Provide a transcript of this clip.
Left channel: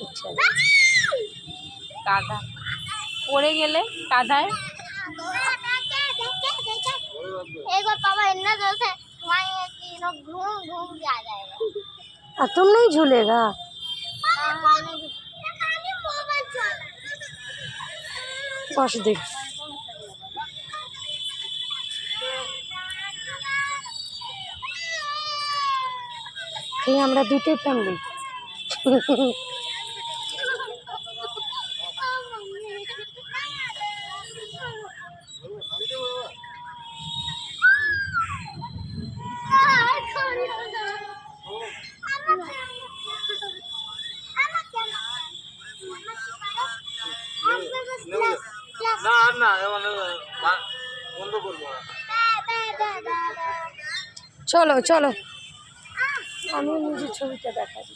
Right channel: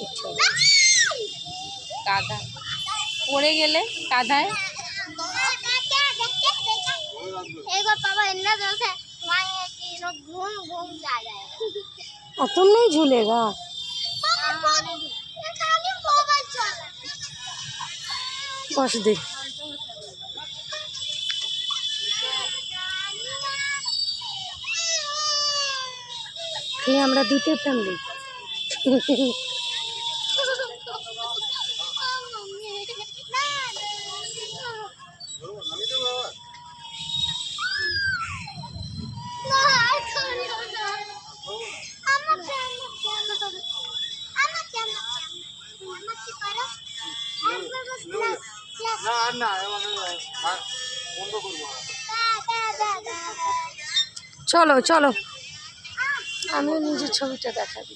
ইচ্ছা কাদা পড়ে গেলে কাদায় तुम नहीं झूलेगा बस देख আমরা দুটো ফ্যামিলি চলো চলো আমি নিজের ছবিটা দেখাবি